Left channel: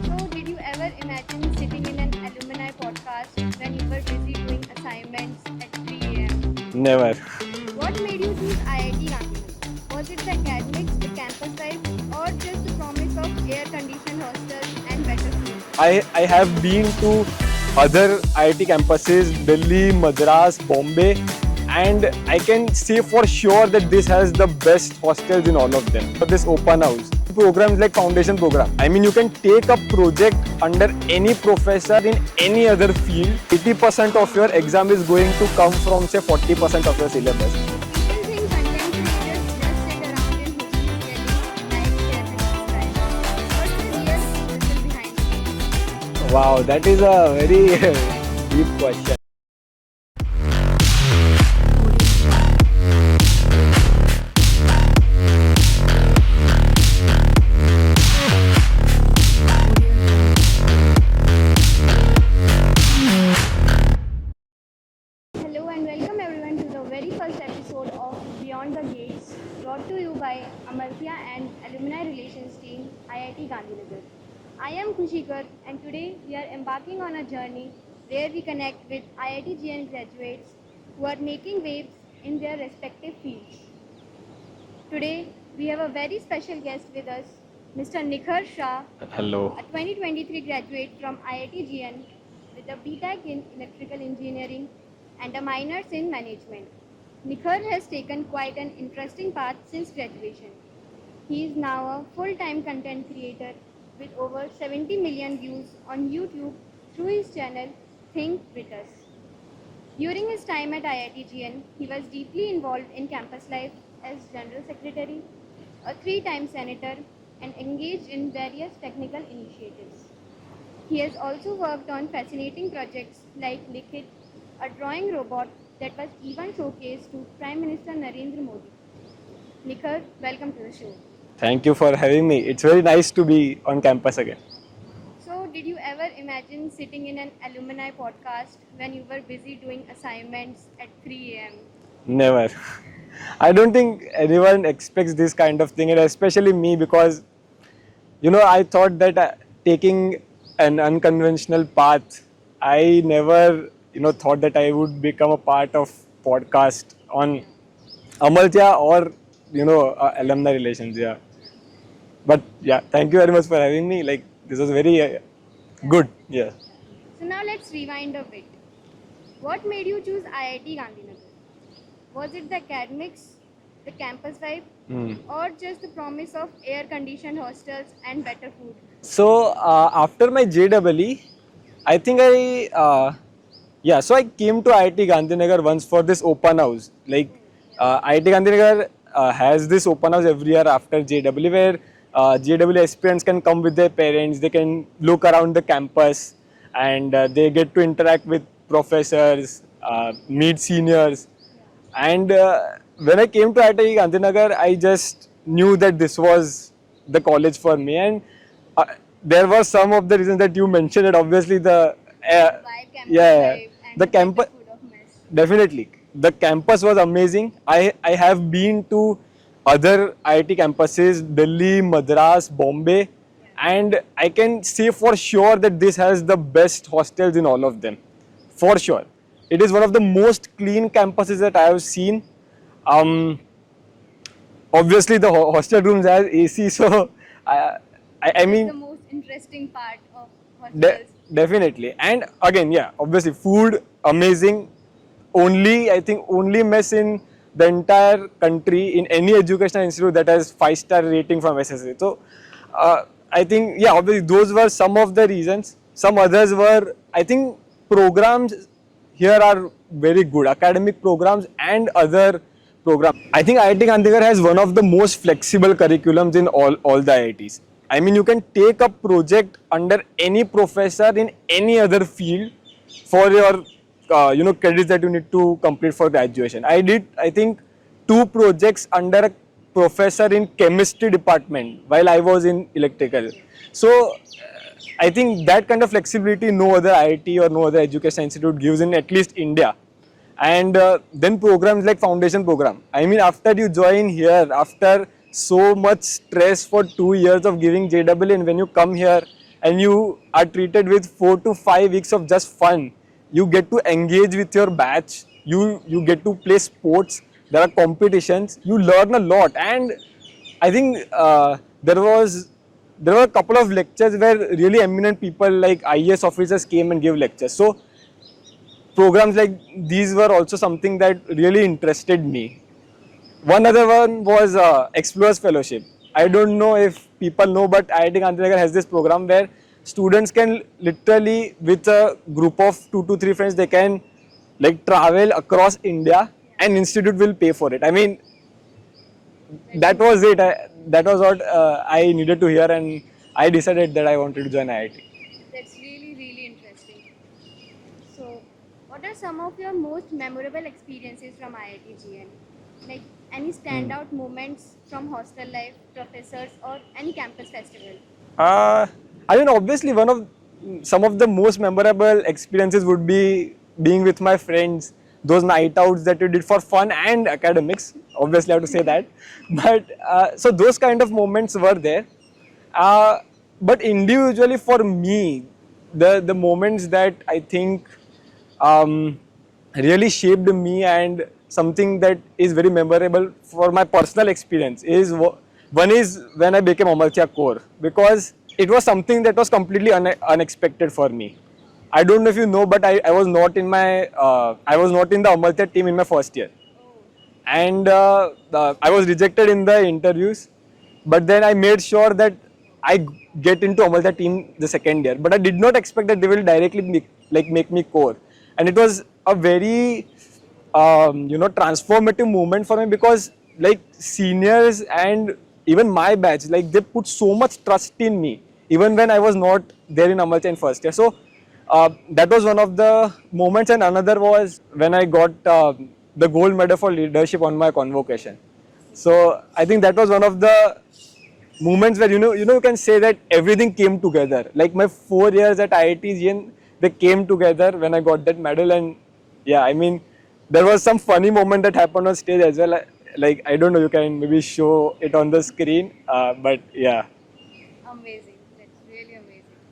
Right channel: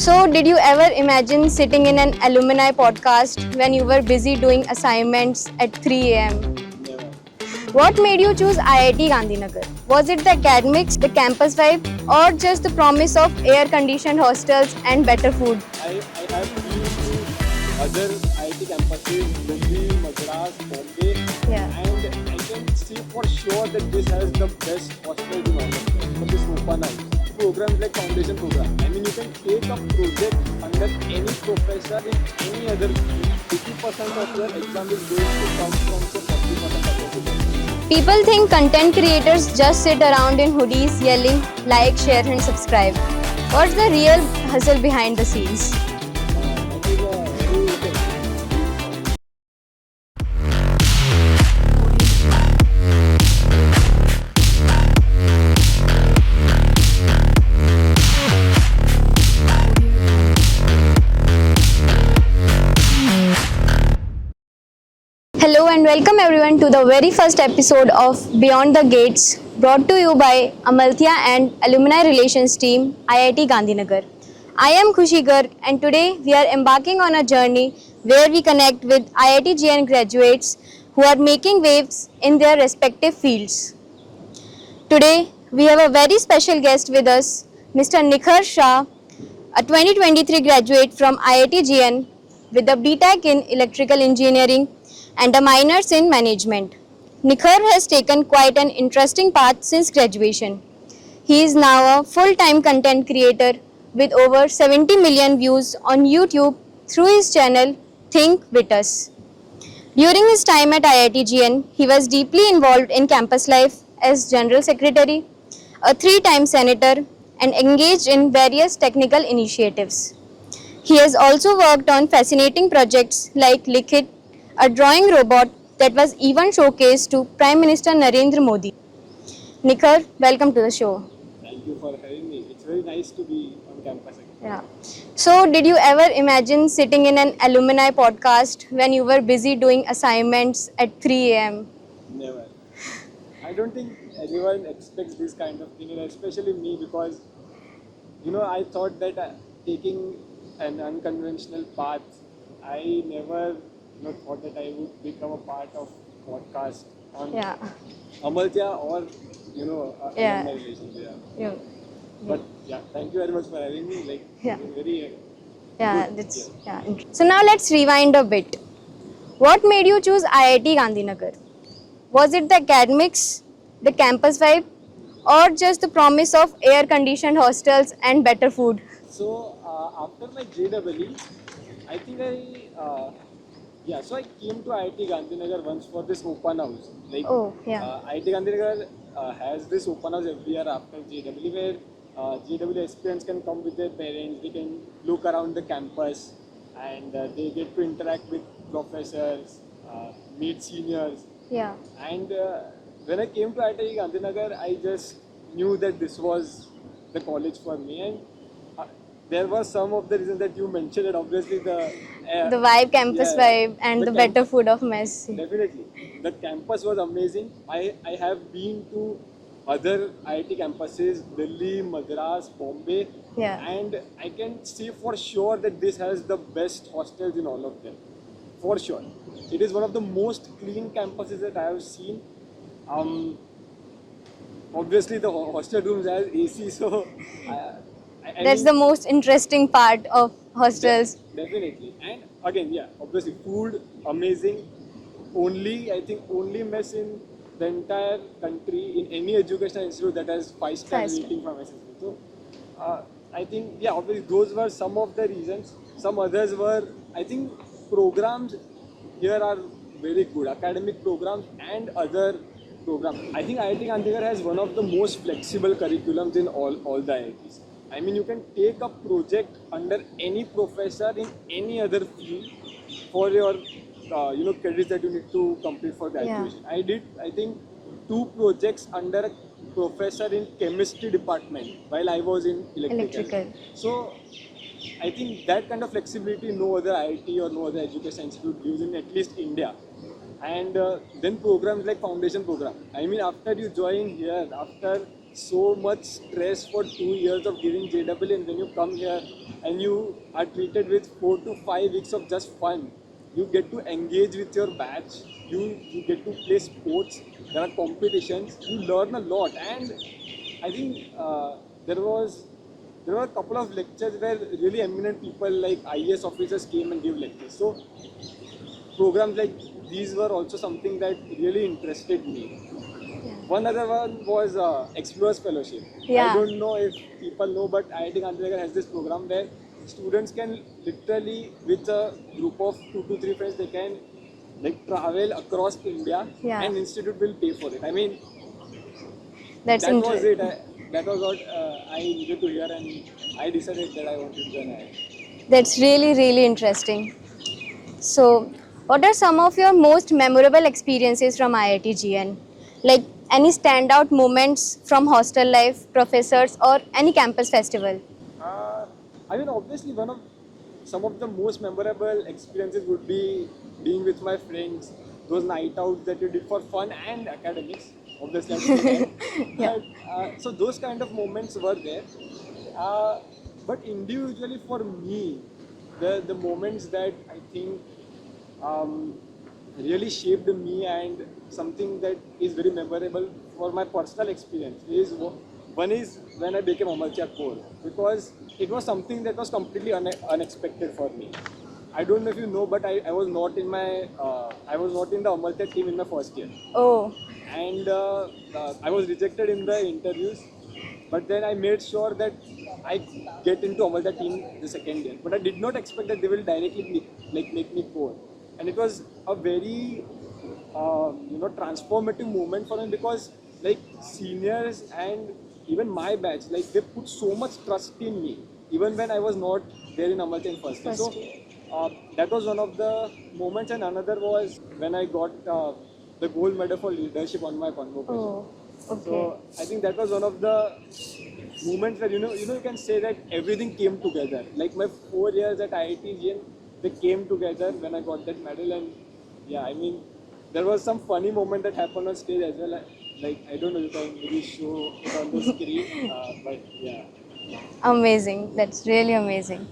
So, did you ever imagine sitting in an alumni podcast when you were busy doing assignments at 3 am? Never. What made you choose IIT Gandhinagar? Was it the academics, the campus vibe, or just the promise of air conditioned hostels and better food? I have been to other IIT campuses, Delhi, Madras, Bombay, and I can say for sure that this has the best hostels in all of them. For this open house. Programs like foundation program. I mean, you can take a project under any professor in any other field. 80% of your exam is going to come from say 40% of your syllabus. People think content creators just sit around in hoodies yelling like, share and subscribe. What's the real hustle behind the scenes? Wow, that is a very deep question. Hello and welcome everyone to the very first episode of Beyond the Gates, brought to you by Amalthea and Alumni Relations Team, IIT Gandhinagar. I am Khushi Garg and today we are embarking on a journey where we connect with IIT GN graduates who are making waves in their respective fields. Today we have a very special guest with us, Mr. Nikhar Shah, Hello. a 2023 graduate from IIT GN with a BTech in Electrical Engineering and a minors in management. Nikhar has taken quite an interesting path since graduation. He is now a full-time content creator with over 70 million views on YouTube through his channel Think With Us. During his time at IIT GN, he was deeply involved in campus life as General Secretary, a 3-time Senator, and engaged in various technical initiatives. He has also worked on fascinating projects like Likhit, a drawing robot that was even showcased to Prime Minister Narendra Modi. Nikhar, welcome to the show. Thank you for having me. It's very nice to be on campus again. Yeah. So, did you ever imagine sitting in an alumni podcast when you were busy doing assignments at 3 am? Never. I don't think anyone expects this kind of thing, and especially me, because I thought that taking an unconventional path, I never thought that I would become a part of podcast on Amalthea or alumni relations. Yeah. But yeah, thank you very much for having me. This was very good. So now let's rewind a bit. What made you choose IIT Gandhinagar? Was it the academics, the campus vibe, or just the promise of air-conditioned hostels and better food? So after my JEE, I think so I came to IIT Gandhinagar once for this open house. IIT Gandhinagar has this open house every year after JEE where JEE aspirants can come with their parents, they can look around the campus and they get to interact with professors, meet seniors. Yeah. And when I came to IIT Gandhinagar, I just knew that this was the college for me, and there were some of the reasons that you mentioned. That obviously the vibe, campus vibe, and the better food of mess. Definitely, the campus was amazing. I have been to other IIT campuses, Delhi, Madras, Bombay, and I can say for sure that this has the best hostels in all of them, for sure. It is one of the most clean campuses that I have seen. Obviously, the hostel rooms have AC, so That's mean, the most interesting part of hostels. Definitely. And again, obviously, food amazing. I think only mess in the entire country in any educational institute that has 5-star rating from SSA. So, I think, obviously, those were some of the reasons. Some others were, I think, programs here are very good, academic programs and other programs. I think IIT Gandhinagar has one of the most flexible curriculums in all the IITs. I mean, you can take a project under any professor in any other field for your credits that you need to complete for graduation. I did, I think, 2 projects under a professor in chemistry department while I was in electrical. So I think that kind of flexibility no other IIT or no other education institute gives in at least India. And then programs like foundation program. I mean, after you join here, after so much stress for 2 years of giving JEE, and when you come here, and you are treated with 4 to 5 weeks of just fun. You get to engage with your batch. You get to play sports. There are competitions. You learn a lot, and I think there were a couple of lectures where really eminent people like IAS officers came and gave lectures. So programs like these were also something that really interested me. One other one was Explorers Fellowship. I Yeah. don't know if people know, but IIT Gandhinagar has this program where students can literally, with a group of 2 to 3 friends, they can like travel across India, Yeah. and institute will pay for it. I mean, That's that was incredible. it. That was what I needed to hear, and I decided that I wanted to join IIT. That's really, really interesting. So, what are some of your most memorable experiences from IIT GN? Like any standout moments from hostel life, professors, or any campus festival? Uh, I mean, obviously, some of the most memorable experiences would be being with my friends, those night outs that we did for fun and academics. Obviously, I have to say that. But so those kind of moments were there. Uh, but individually, for me, the moments that I think um, really shaped me and something that is very memorable for my personal experience is one is when I became Amartya Core, because it was something that was completely unexpected for me. I don't know if you know, but I was not in my I was not in the Amartya team in my first year, Oh, and I was rejected in the interviews. But then I made sure that I get into Amaltya team the second year. But I did not expect that they will directly make me core, and it was a very transformative moment for me, because like seniors and even my batch, like they put so much trust in me even when I was not there in Amaltya in first year. So that was one of the moments, and another was when I got the gold medal for leadership on my convocation. oh, So I think that was one of the moments where you can say that everything came together. Like my 4 years at IIT, they came together when I got that medal, and yeah, I mean, there was some funny moment that happened on stage as well. Like I don't know, you can maybe show it on the screen, but yeah. amazing. That's really amazing.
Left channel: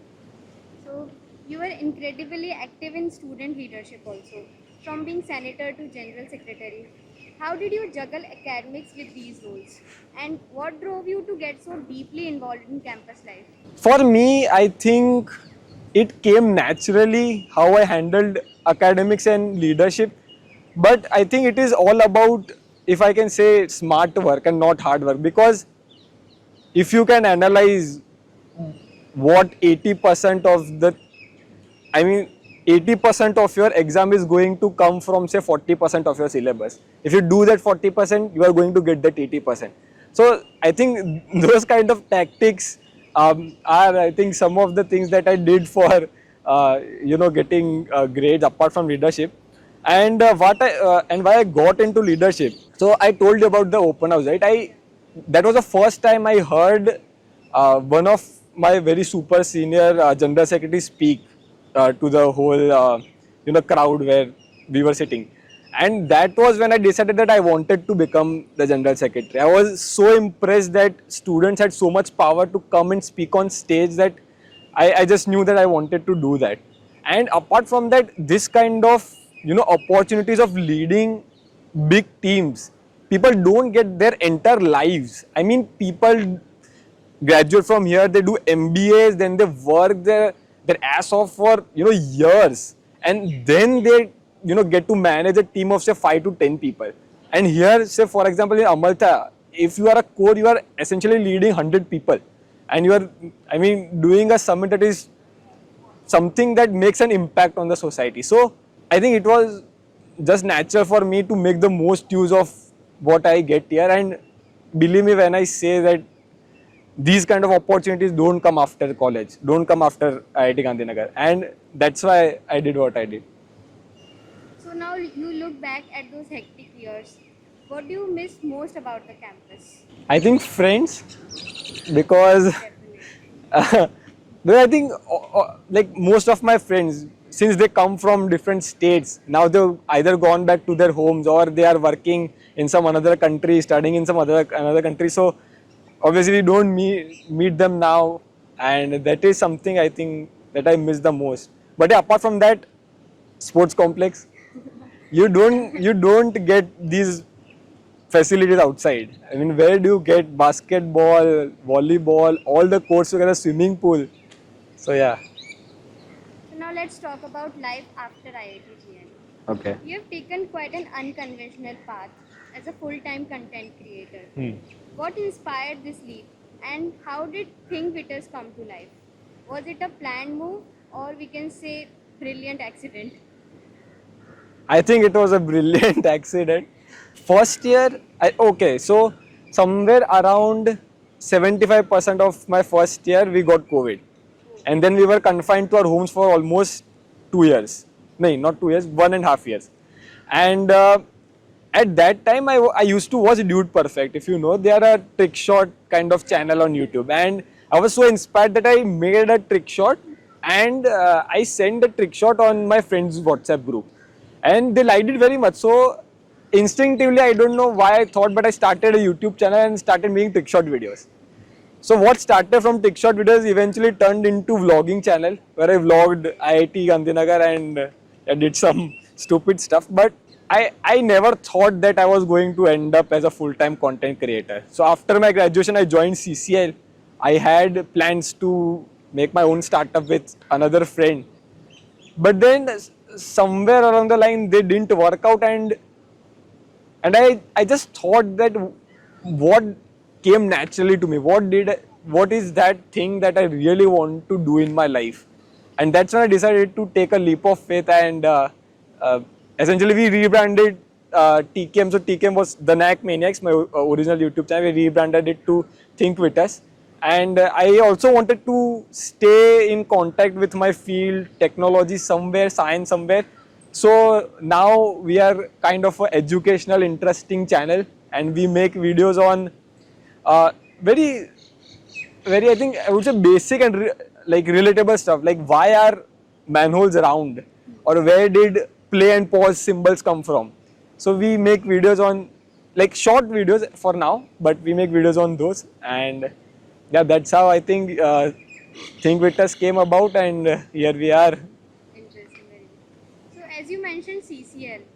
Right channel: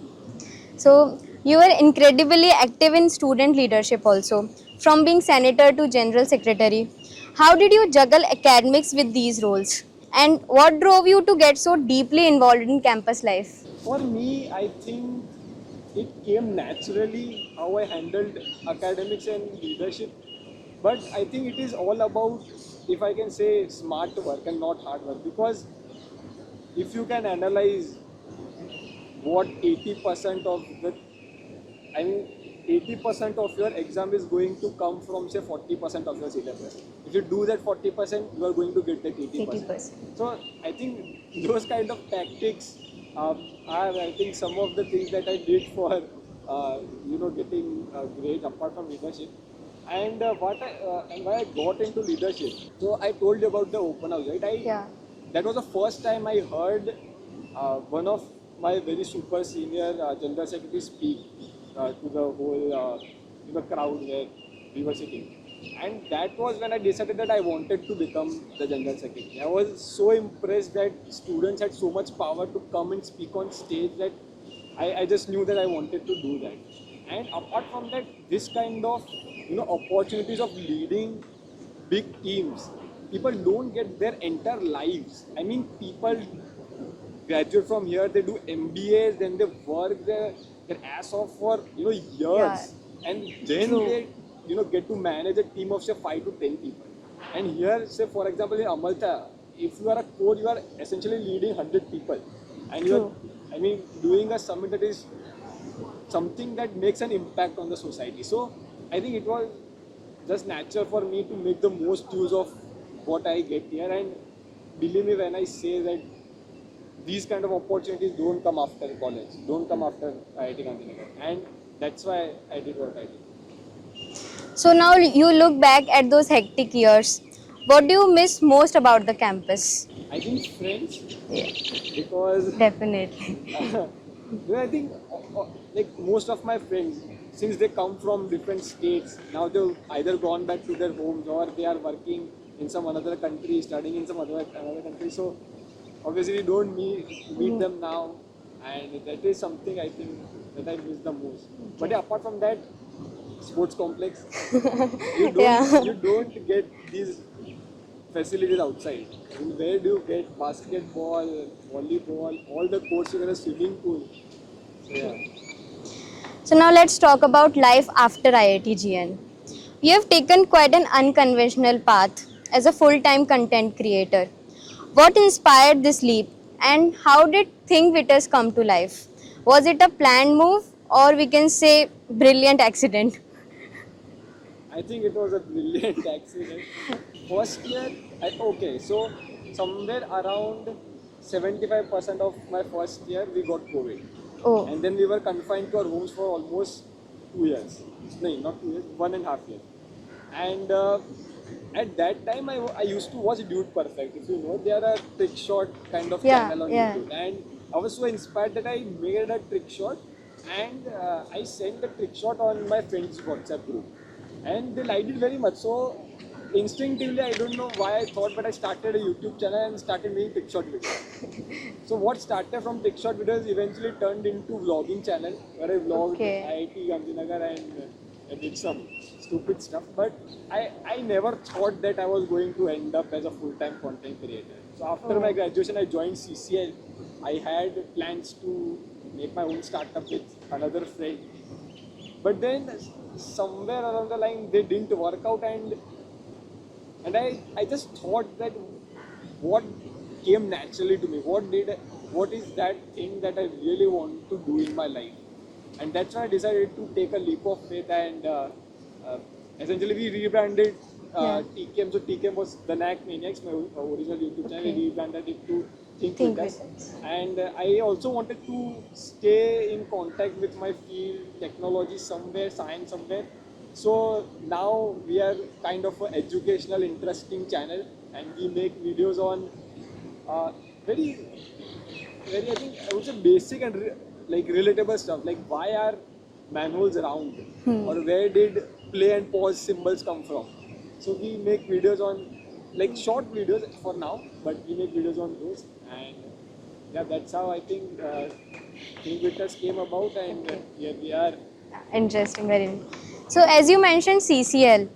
So, you were incredibly active in student leadership also, from being senator to general secretary. How did you juggle academics with these roles? And what drove you to get so deeply involved in campus life? For me, I think it came naturally how I handled academics and leadership. But I think it is all about, if I can say, smart work and not hard work. Because if you can analyze what 80% of the, I mean, 80% of your exam is going to come from, say, 40% of your syllabus. If you do that 40%, you are going to get that 80%. 80%. So I think those kind of tactics are, I think, some of the things that I did for, getting grades apart from leadership. And why I got into leadership. So I told you about the open house, right? Yeah. That was the first time I heard one of my very super senior general secretary speak to the whole crowd where we were sitting, and that was when I decided that I wanted to become the general secretary. I was so impressed that students had so much power to come and speak on stage that I just knew that I wanted to do that. And apart from that, this kind of opportunities of leading big teams, people don't get their entire lives. I mean, people graduate from here, they do MBAs, then they work their ass off for years, and then they get to manage a team of say 5 to 10 people. And here, say for example in Amaltya, if you are a core, you are essentially leading 100 people, and you are, I mean, doing a summit that is something that makes an impact on the society. So I think it was just natural for me to make the most use of what I get here. And believe me when I say that these kind of opportunities don't come after college, don't come after IIT Gandhinagar, and that's why I did what I did. So now you look back at those hectic years. What do you miss most about the campus? I think friends, because Definitely. but I think like most of my friends, since they come from different states, now they've either gone back to their homes or they are working in some another country, studying in some another country. So obviously we don't meet them now. and that is something I think that I miss the most. But yeah, apart from that, sports complex, you don't get these facilities outside. I mean, where do you get basketball, volleyball, all the courts together, swimming pool? So yeah. So now let's talk about life after IIT GN. Okay. You have taken quite an unconventional path as a full-time content creator. What inspired this leap and how did ThinkWitters come to life? Was it a planned move or we can say brilliant accident? I think it was a brilliant accident. First year, so somewhere around 75% of my first year, we got COVID. Oh, And then we were confined to our homes for almost 2 years. No, not 2 years, 1.5 years. And at that time, I used to watch Dude Perfect. If you know, they are a trick shot kind of Yeah, channel on yeah. YouTube. And I was so inspired that I made a trick shot and I sent the trick shot on my friend's WhatsApp group. And they liked it very much. So instinctively, I don't know why I thought, but I started a YouTube channel and started making trick shot videos. So what started from trick shot videos eventually turned into vlogging channel where I vlogged Okay. IIT Gandhinagar and I did some stupid stuff. But I never thought that I was going to end up as a full-time content creator. So after my graduation, I joined CCL. I had plans to make my own startup with another friend. But then somewhere along the line, they didn't work out and I just thought that what came naturally to me, what is that thing that I really want to do in my life, and that's when I decided to take a leap of faith and essentially we rebranded TKM. So TKM was the Knack Maniacs, my original YouTube channel. We rebranded it to ThinkWitters, and I also wanted to stay in contact with my field, technology somewhere, science somewhere. So now we are kind of an educational, interesting channel, and we make videos on very, I think I would say basic and like relatable stuff, like why are manholes round, or where did play and pause symbols come from. So we make videos on like short videos for now, but we make videos on those, and yeah, that's how I think ThinkWitters came about, and here we are. interesting, very. So as you mentioned CCL,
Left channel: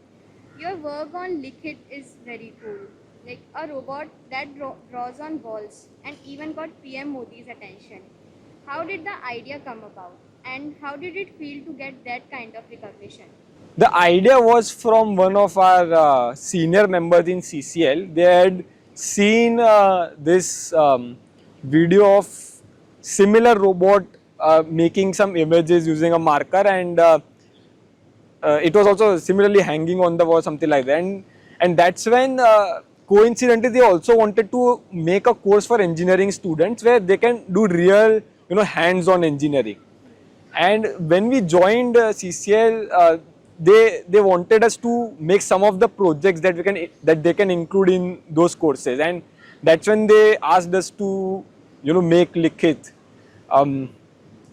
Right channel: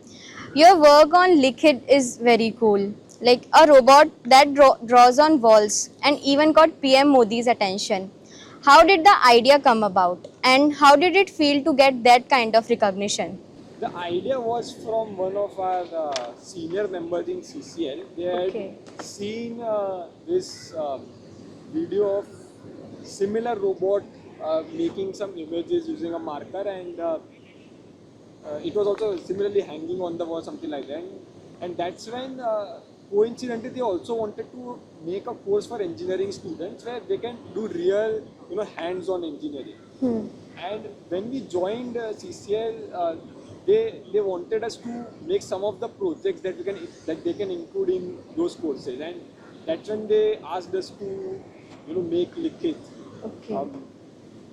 your work on Liquid is very cool. Like a robot that draws on walls and even got PM Modi's attention. How did the idea come about and how did it feel to get that kind of recognition? The idea was from one of our senior members in CCL. They had Okay. seen this video of similar robot making some images using a marker, and it was also similarly hanging on the wall, something like that. And that's when coincidentally they also wanted to make a course for engineering students where they can do real, hands-on engineering. And when we joined CCL, they wanted us to make some of the projects that they can include in those courses, and that's when they asked us to make Likhit.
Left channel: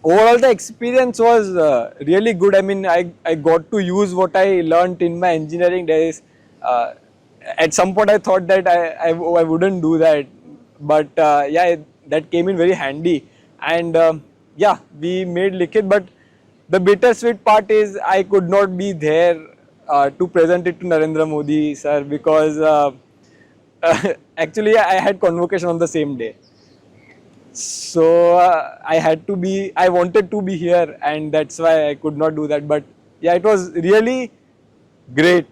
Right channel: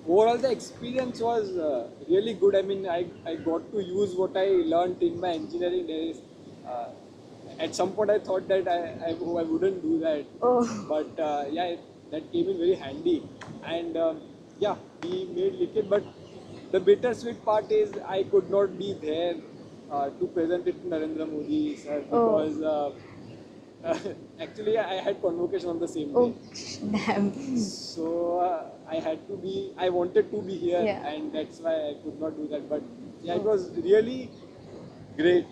Overall, the experience was really good. I mean, I got to use what I learned in my engineering days. At some point, I thought that I wouldn't do that, but yeah, that came in very handy. And yeah, we made Likhit, but the bittersweet part is I could not be there to present it to Narendra Modi sir, because actually I had convocation on the same day. Damn. So I wanted to be here, Yeah. and that's why I could not do that. But yeah, it was really great,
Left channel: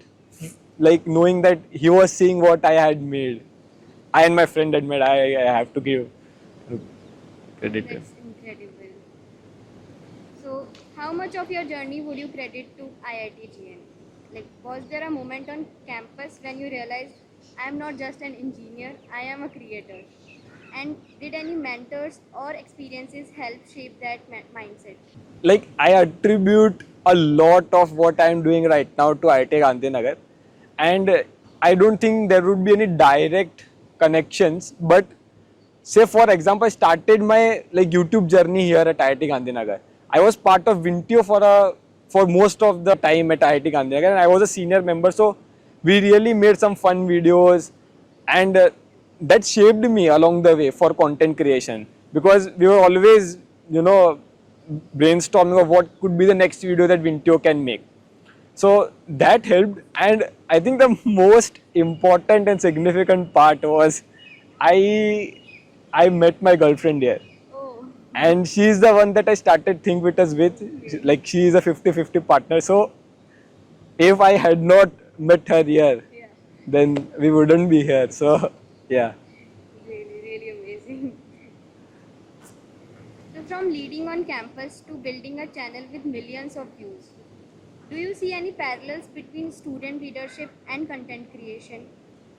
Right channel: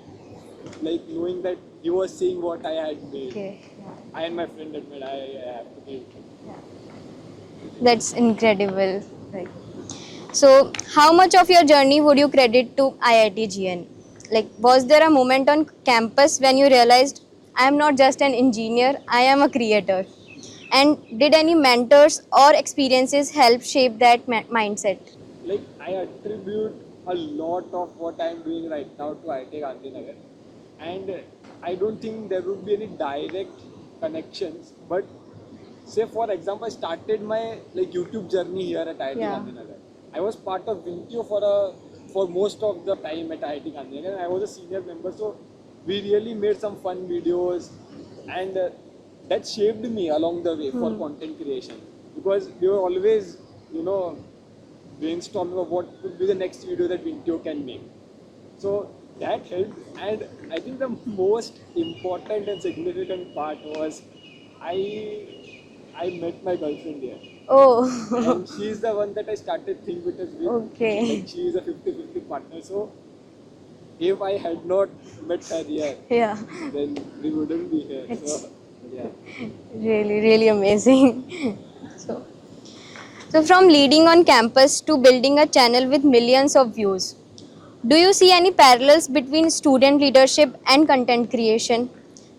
like knowing that he was seeing what I had made. Okay. I and my friend had made. I have to give credit. That's incredible. Right. So, how much of your journey would you credit to IIT GN? Like, was there a moment on campus when you realized I am not just an engineer, I am a creator? And did any mentors or experiences help shape that mindset? Like, I attribute a lot of what I am doing right now to IIT Gandhinagar, and I don't think there would be any direct connections. But say for example, I started my YouTube journey here at IIT Yeah. Gandhinagar. I was part of Vintio for most of the time at IIT Gandhinagar, and I was a senior member. So we really made some fun videos, and that shaped me along the way for content creation, because we were always brainstorming of what could be the next video that Vintio can make. So that helped, and I think the most important and significant part was I met my girlfriend here. Oh. And she's the one that I started ThinkWitters with. Okay. Like, she is a 50-50 partner. So if I had not met her here, Yeah. then we wouldn't be here. So yeah. Really, really amazing. So from leading on campus to building a channel with millions of views, do you see any parallels between student leadership and content creation?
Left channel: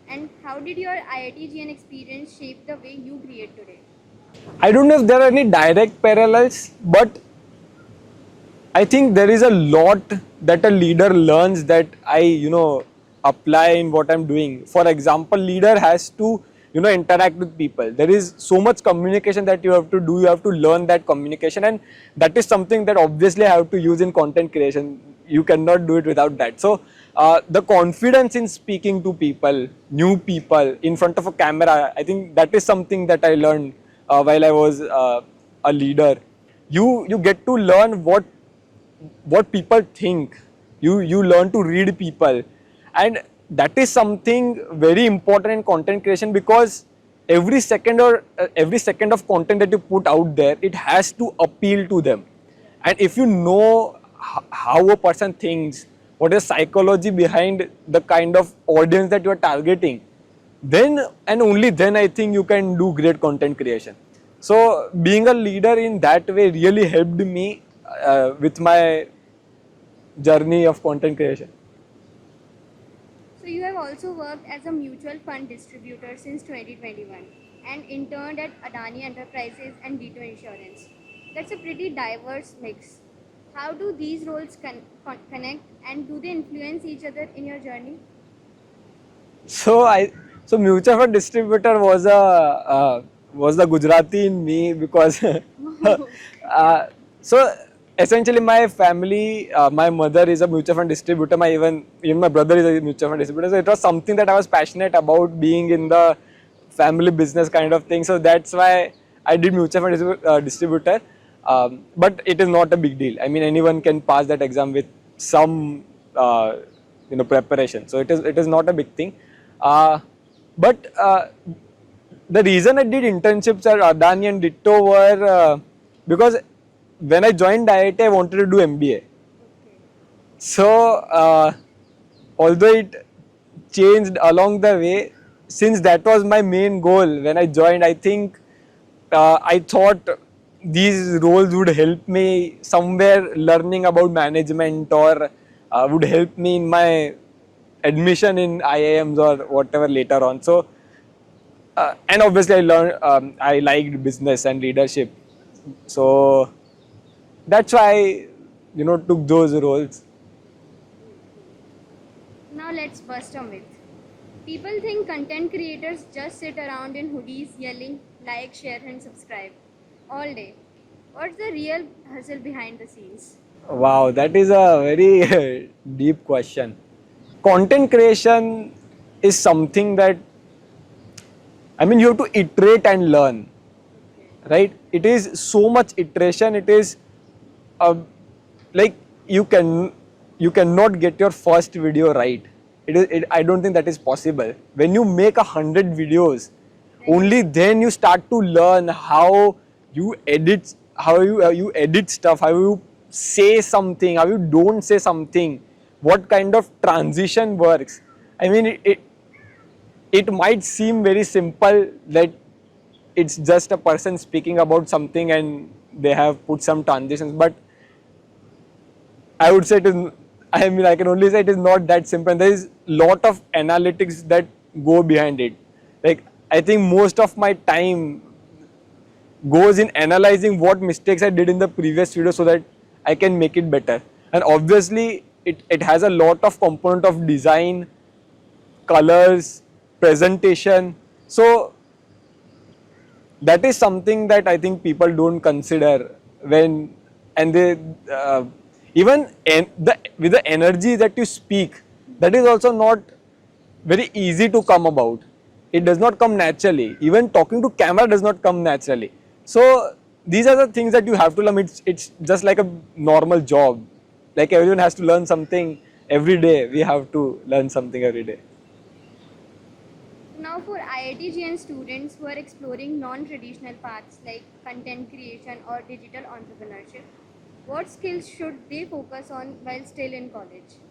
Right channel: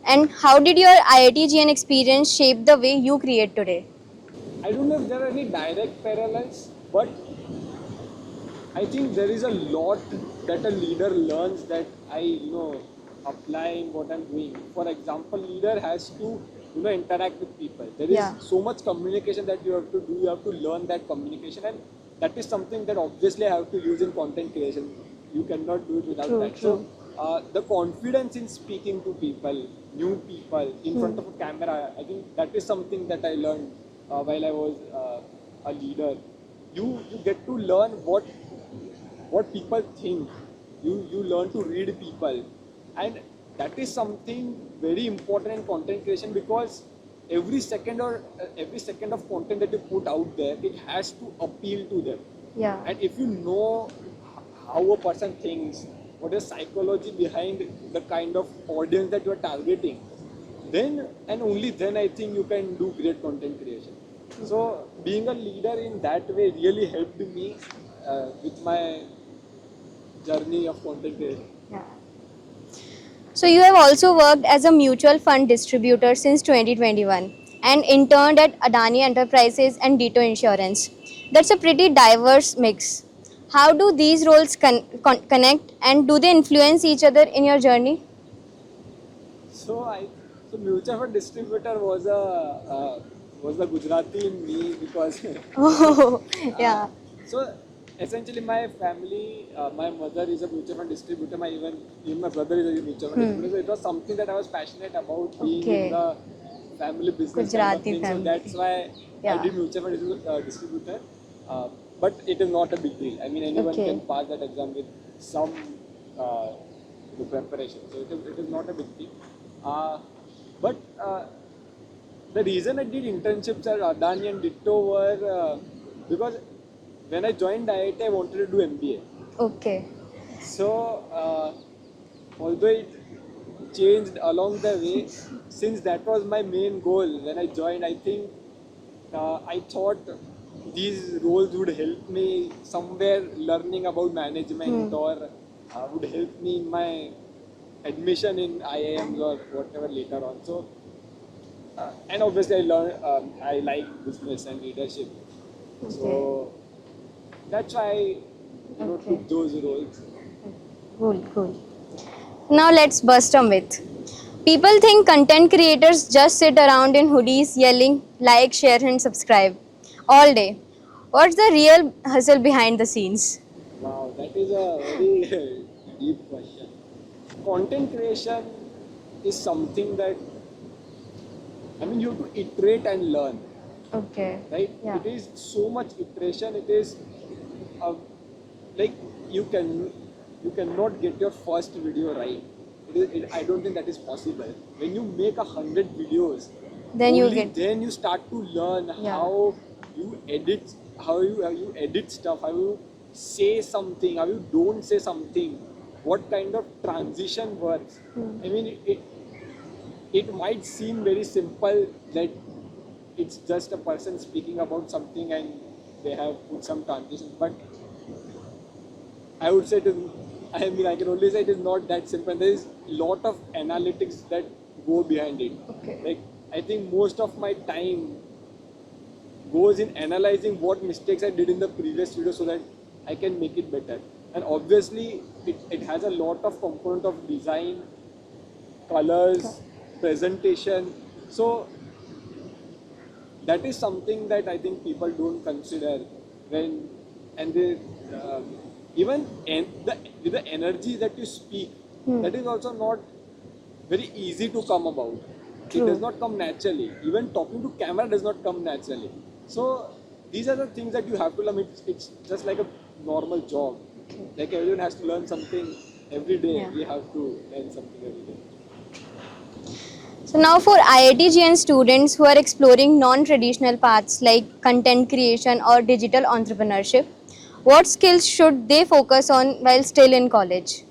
And how did your IIT-GN experience shape the way you create today? I don't know if there are any direct parallels, but I think there is a lot that a leader learns that I, apply in what I'm doing. For example, leader has to, interact with people. There is so much communication that you have to do. You have to learn that communication, and that is something that obviously I have to use in content creation. You cannot do it without that. So the confidence in speaking to people, new people in front of a camera, I think that is something that I learned while I was a leader. You get to learn what people think. You learn to read people, and that is something very important in content creation, because every second of content that you put out there, it has to appeal to them. Yeah. And if you know how a person thinks, what is psychology behind the kind of audience that you are targeting, then and only then I think you can do great content creation. So being a leader in that way really helped me with my journey of content creation. Yeah. So you have also worked as a mutual fund distributor since 2021 and interned at Adani Enterprises and Ditto Insurance. That's a pretty diverse mix. How do these roles connect, and do they influence each other in your journey? So mutual fund distributor was the Gujarati in me, because Oh, yeah. so essentially my family, my mother is a mutual fund distributor. Even my brother is a mutual fund distributor. So it was something that I was passionate about, being in the family business kind of Gujarati thing. So family. that's why I did mutual fund distributor. But it is not a big deal. I mean, anyone can pass that exam with some preparation. So it is not a big thing. But the reason I did internships at Adani and Ditto were because when I joined IIT, I wanted to do MBA. Okay. So although it changed along the way, since that was my main goal when I joined, I think I thought these roles would help me somewhere learning about management, or would help me in my admission in IIMs or whatever later on. So and obviously I learned, I liked business and leadership. So that's why I took those roles. Cool. Now let's bust a myth. People think content creators just sit around in hoodies yelling like, share and subscribe all day. What's the real hustle behind the scenes? Wow, that is a very deep question. Content creation is something that, you have to iterate and learn. Okay. Right? Yeah. It is so much iteration. It is like you cannot get your first video right. I don't think that is possible. When you make 100 videos, then you start to learn how you edit, how you edit stuff, how you say something, how you don't say something, what kind of transition works. I mean, it might seem very simple that it's just a person speaking about something and they have put some transitions, but I would say I can only say it is not that simple. There is lot of analytics that go behind it. Okay. Like, I think most of my time goes in analyzing what mistakes I did in the previous video so that I can make it better. And obviously, it has a lot of component of design, colors, presentation. So that is something that I think people don't consider when, and they even with the energy that you speak, that is also not very easy to come about. It does not come naturally. Even talking to camera does not come naturally. So these are the things that you have to learn. It's just like a normal job. Like everyone has to learn something every day. We have to learn something every day. So now for IIT-GN students who are exploring non-traditional paths like content creation or digital entrepreneurship, what skills should they focus on while still in college?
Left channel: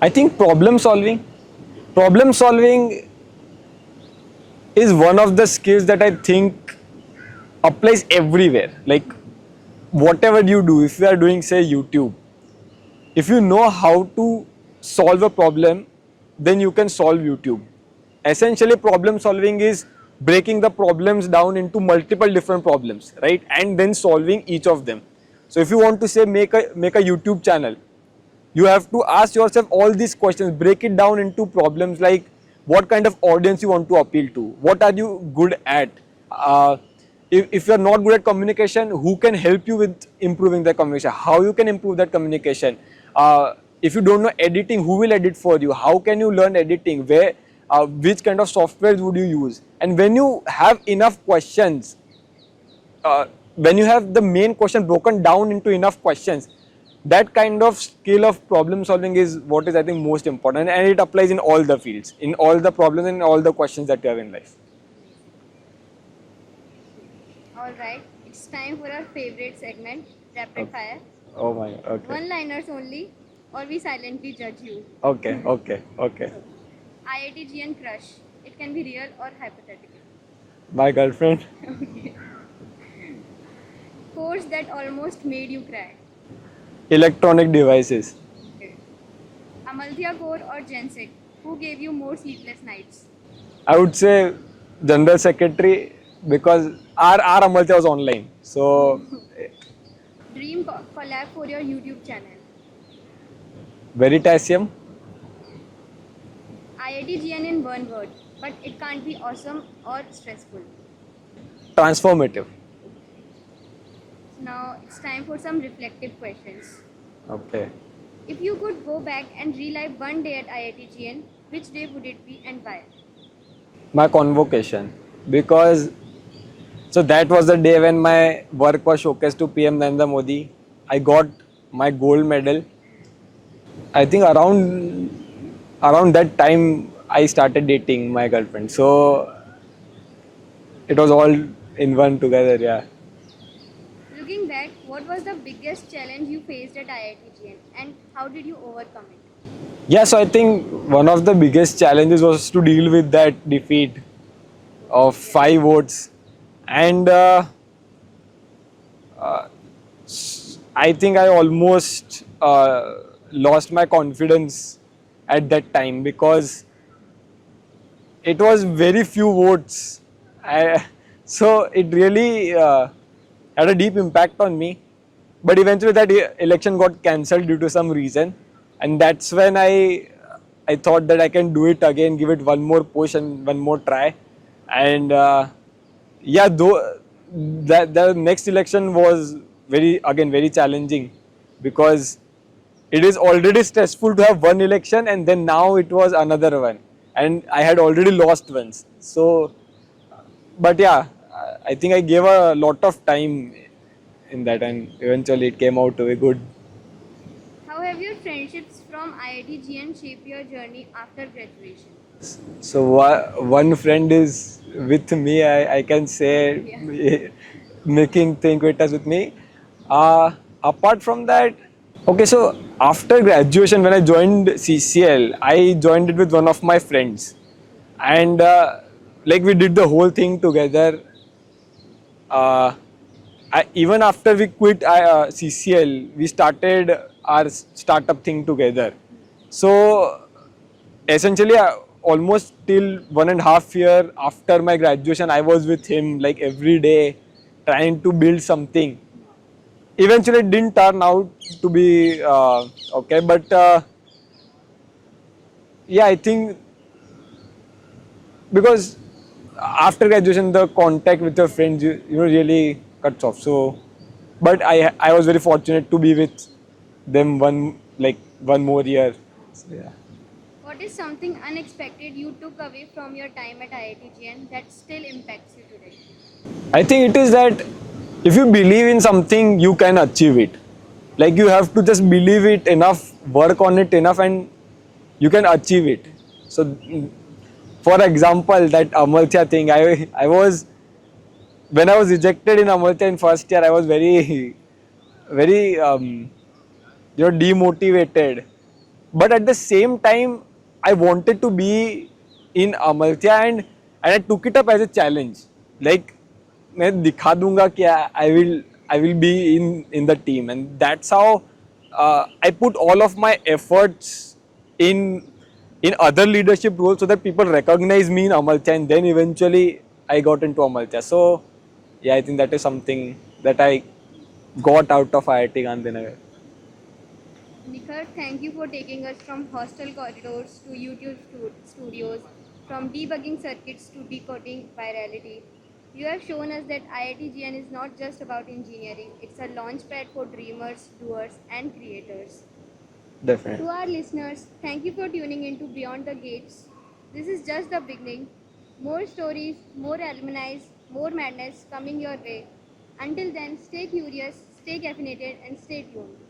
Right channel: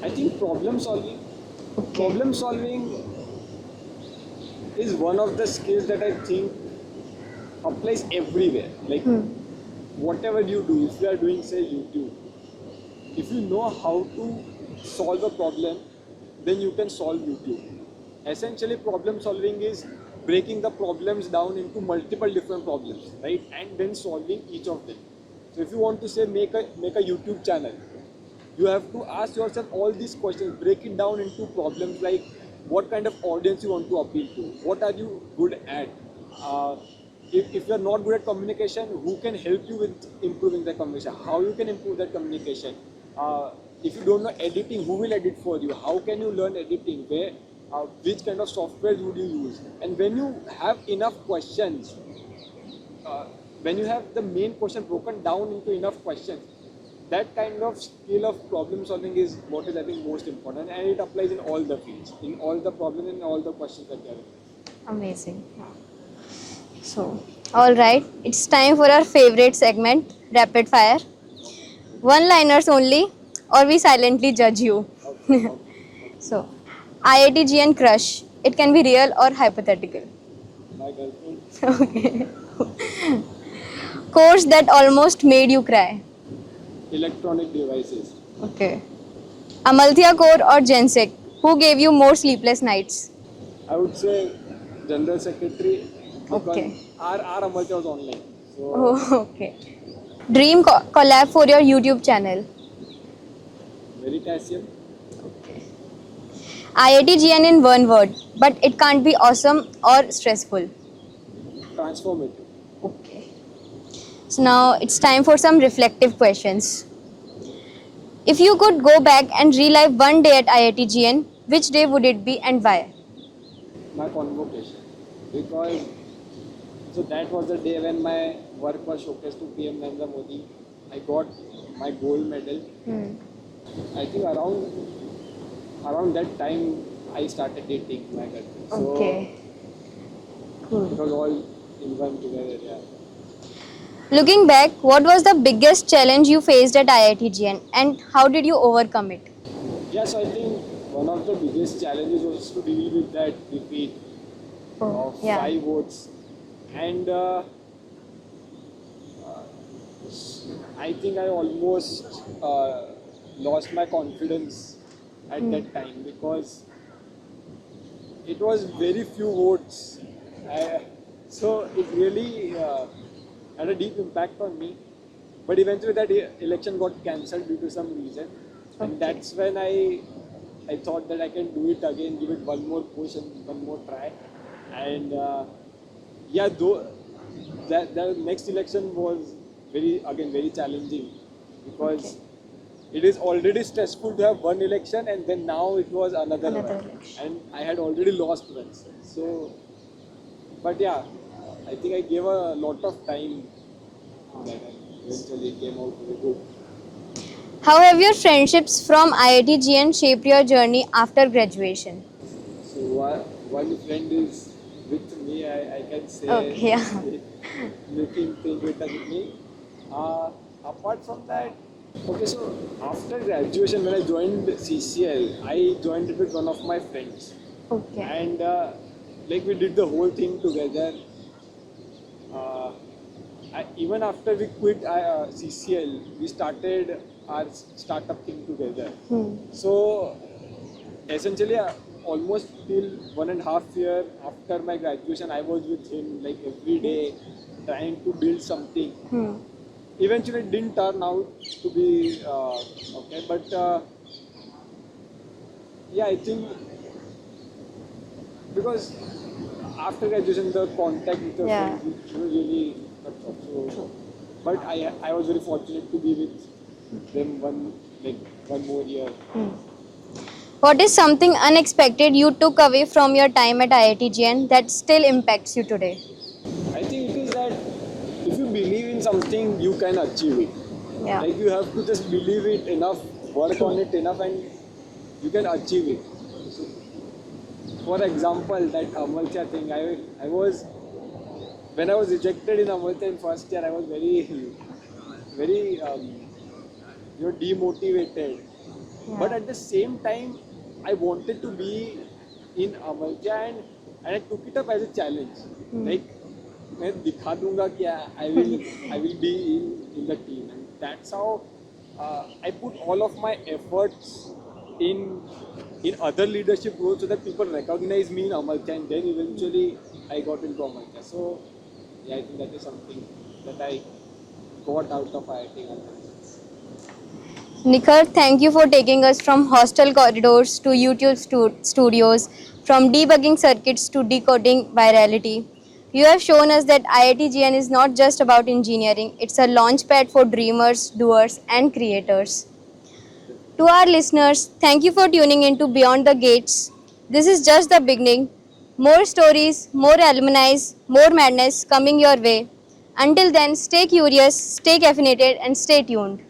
I think problem solving. Problem solving is one of the skills that I think applies everywhere. Like whatever you do, if you are doing say YouTube, if you know how to solve a problem, then you can solve YouTube. Essentially, problem solving is breaking the problems down into multiple different problems, right? And then solving each of them. So if you want to say make a YouTube channel, you have to ask yourself all these questions, break it down into problems like what kind of audience you want to appeal to, what are you good at, if you're not good at communication, who can help you with improving the communication, how you can improve that communication, if you don't know editing, who will edit for you, how can you learn editing, where, which kind of software would you use. And when you have enough questions, when you have the main question broken down into enough questions, that kind of skill of problem solving is what is I think most important, and it applies in all the fields, in all the problems and all the questions that you have in life. Amazing. So, all right, it's time for our favorite segment, rapid fire. Oh my God. Okay. One-liners only, or we silently judge you. Okay. So, IIT-GN crush. It can be real or hypothetical. My girlfriend. Course that almost made you cry. Electronic devices. Okay. Amalthea Core or Gensec? Who gave you more sleepless nights? I would say General Secretary, because our Amalthea was online. So Okay. Dream collab for your YouTube channel. Veritasium. IIT-GN in one word, but it can't be awesome or stressful. Transformative. Okay. So now it's time for some reflective questions. Okay. If you could go back and relive one day at IIT-GN, which day would it be and why? My convocation, because so that was the day when my work was showcased to PM Narendra Modi. I got my gold medal. I think around that time I started dating my girlfriend. So it was all in one together, yeah. Looking back, what was the biggest challenge you faced at IIT-GN and how did you overcome it? Yeah, so I think one of the biggest challenges was to deal with that defeat of 5 votes. And I think I almost lost my confidence at that time because it was very few votes. So it really had a deep impact on me. But eventually that election got cancelled due to some reason. And that's when I thought that I can do it again, give it one more push and one more try. And yeah, though the next election was very challenging because it is already stressful to have one election and then now it was another one. And I had already lost once. So, but yeah, I think I gave a lot of time in that and eventually it came out to be good. How have your friendships from IIT-GN shaped your journey after graduation? So one friend is with me, I can say, making things with me. Apart from that, okay, so after graduation, when I joined CCL, I joined it with one of my friends. And like we did the whole thing together. Even after we quit CCL, we started our startup thing together. So essentially, almost till 1.5 years after my graduation, I was with him like every day, trying to build something. Eventually, it didn't turn out to be okay, but yeah, I think because after graduation, the contact with your friends, you know, really cuts off. So, but I was very fortunate to be with them one more year. So, yeah. What is something unexpected you took away from your time at IIT-GN that still impacts you today? I think it is that if you believe in something, you can achieve it. Yeah. Like you have to just believe it enough, work on it enough, and you can achieve it. So, for example, that Amartya thing, I was, when I was rejected in Amartya in first year, I was very, very, demotivated. But at the same time, I wanted to be in Amartya, and I took it up as a challenge. Like, मैं दिखा दूंगा कि I will be in the team, and that's how I put all of my efforts in other leadership roles so that people recognize me in Amartya, and then eventually I got into Amartya. So yeah, I think that is something that I got out of IIT Gandhinagar. Nikhar, thank you for taking us from hostel corridors to YouTube studios, from debugging circuits to decoding virality. You have shown us that IIT-GN is not just about engineering, it's a launchpad for dreamers, doers, and creators. Definitely. To our listeners, thank you for tuning into Beyond the Gates. This is just the beginning. More stories, more alumni, more madness coming your way. Until then, stay curious, stay caffeinated, and stay tuned.